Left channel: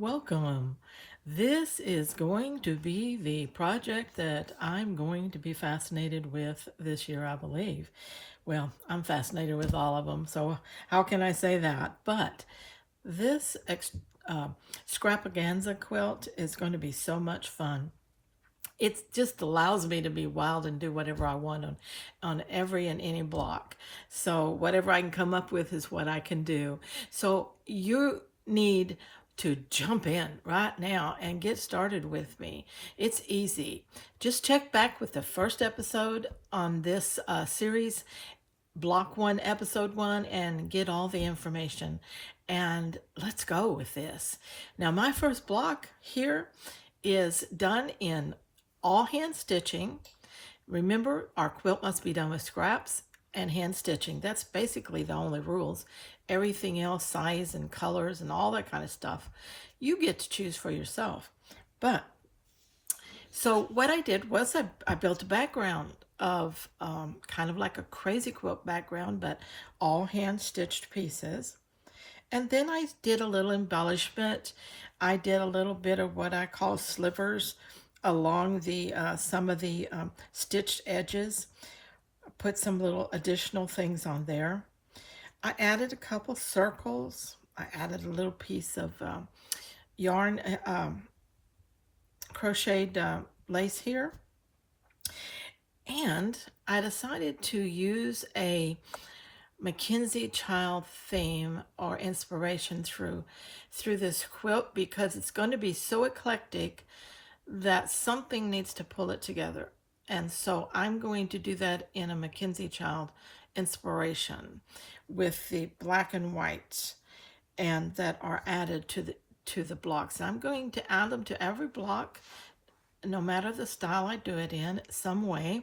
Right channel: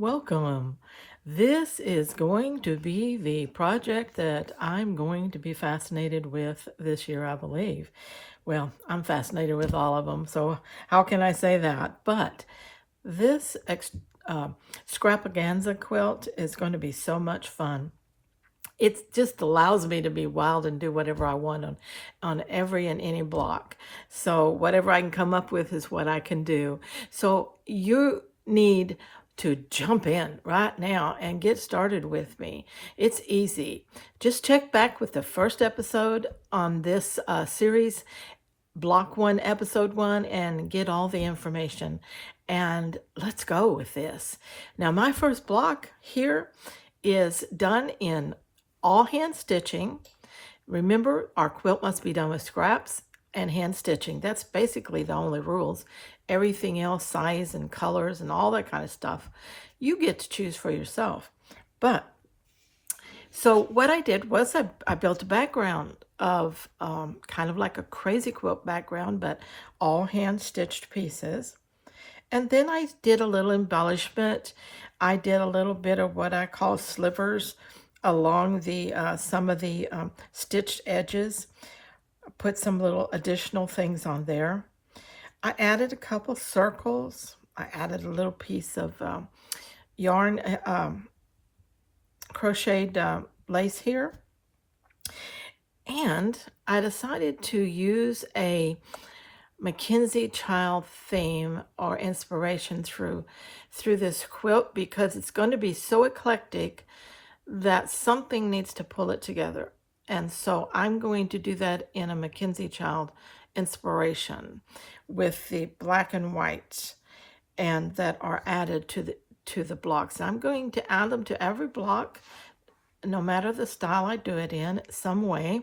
Welcome. This is going to be the project that I'm going to be fascinated with this year, I believe. Well, I'm fascinated with all of them, so how can I say that? But this Scrapaganza quilt is going to be so much fun. It just allows me to be wild and do whatever I want on every and any block. So whatever I can come up with is what I can do. So you need to jump in right now and get started with me. It's easy. Just check back with the first episode on this series, block 1, episode 1, and get all the information. And let's go with this. Now, my first block here is done in all hand stitching. Remember, our quilt must be done with scraps and hand stitching. That's basically the only rules. Everything else, size and colors and all that kind of stuff, you get to choose for yourself. But so what I did was I built a background of kind of like a crazy quilt background, but all hand stitched pieces. And then I did a little embellishment. I did a little bit of what I call slivers along the some of the stitched edges. Put some little additional things on there. I added a couple circles. I added a little piece of yarn, crocheted lace here. And I decided to use a Mackenzie Child theme or inspiration through this quilt because it's going to be so eclectic that something needs to pull it together. And so I'm going to do that in a Mackenzie Child inspiration with the black and white and that are added to the blocks. I'm going to add them to every block, no matter the style I do it in, some way.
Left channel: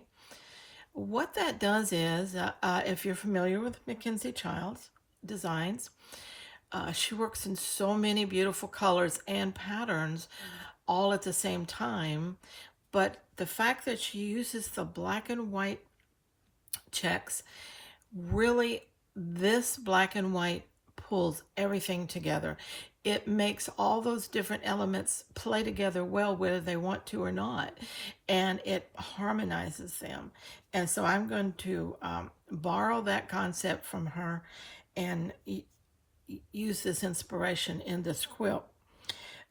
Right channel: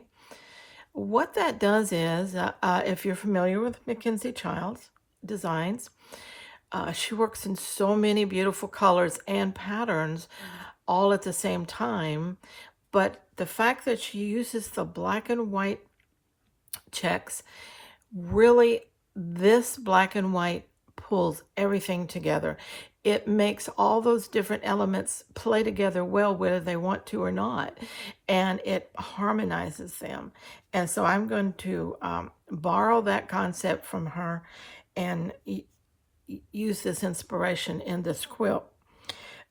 What that does is, if you're familiar with Mackenzie Child's designs, she works in so many beautiful colors and patterns all at the same time. But the fact that she uses the black and white checks, really, this black and white pulls everything together. It makes all those different elements play together well, whether they want to or not, and it harmonizes them. And so I'm going to borrow that concept from her and use this inspiration in this quilt.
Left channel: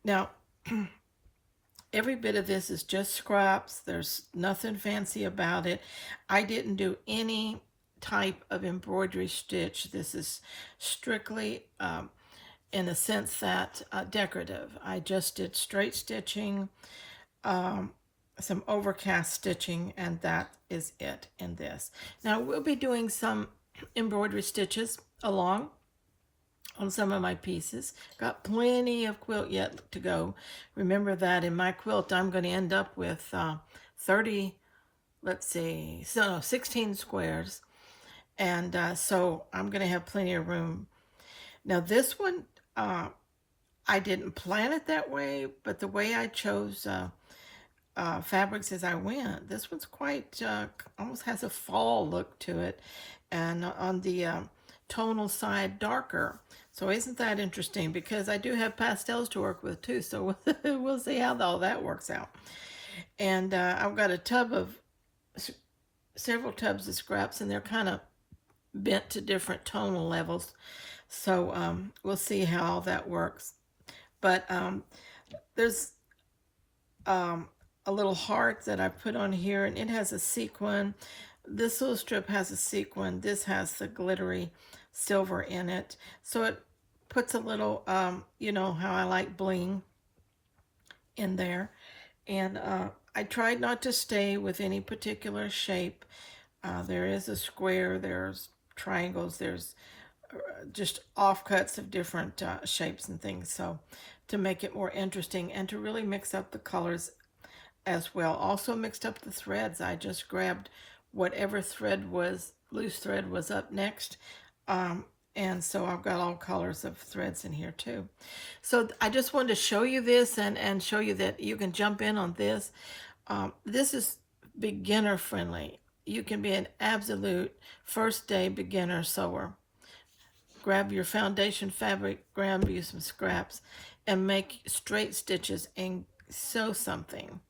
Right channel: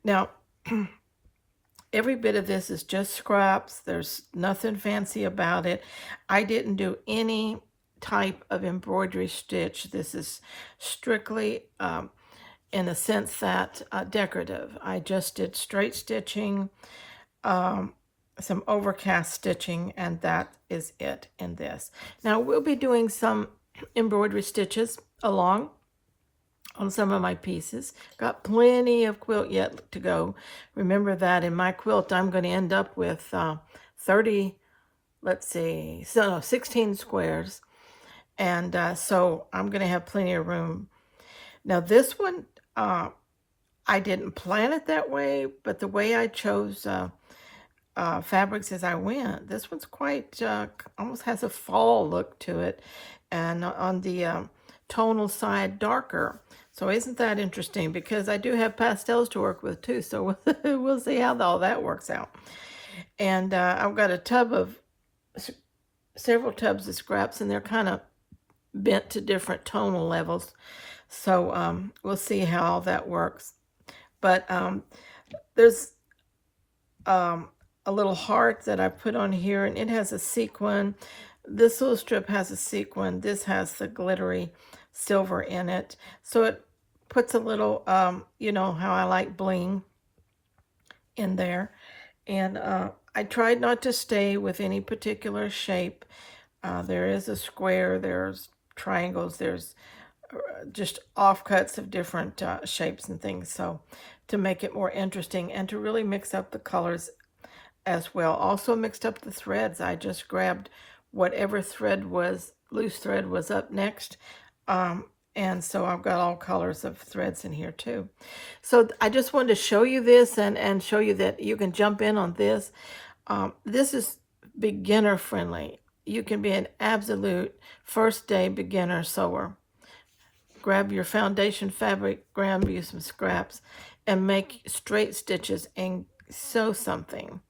Now, every bit of this is just scraps. There's nothing fancy about it. I didn't do any type of embroidery stitch. This is strictly, in a sense, that decorative. I just did straight stitching, some overcast stitching, and that is it in this. Now we'll be doing some embroidery stitches along on some of my pieces. Got plenty of quilt yet to go. Remember that in my quilt I'm going to end up with 16 squares, and so I'm going to have plenty of room. Now this one, I didn't plan it that way, but the way I chose fabrics as I went, this one's quite, almost has a fall look to it, and on the tonal side, darker. So isn't that interesting? Because I do have pastels to work with too, so we'll see how all that works out. And I've got several tubs of scraps, and they're kind of bent to different tonal levels. So we'll see how all that works. But there's a little heart that I put on here, and it has a sequin. This little strip has a sequin. This has the glittery silver in it. So it puts a little, you know how I like bling in there. And I tried not to stay with any particular shape. There is a square, there's triangles, there's just offcuts of different shapes and things. So to make it more interesting and to really mix up the colors as well. Also mixed up the threads. I just grabbed whatever thread was, loose thread was up next. And so I've got all colors of threads in here too. So I just wanted to show you this and show you that you can jump in on this. This is beginner friendly. You can be an absolute first day beginner sewer. Grab your foundation fabric, grab you some scraps, and make straight stitches and sew something.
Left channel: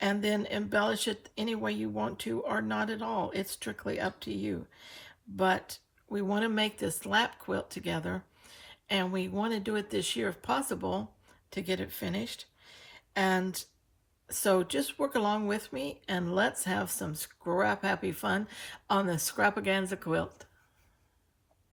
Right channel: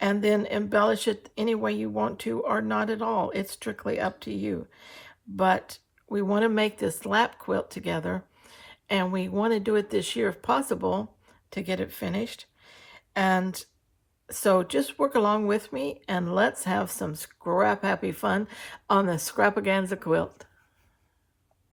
And then embellish it any way you want to or not at all. It's strictly up to you. But we want to make this lap quilt together, and we want to do it this year if possible to get it finished. And so just work along with me and let's have some scrap happy fun on the Scrapaganza quilt.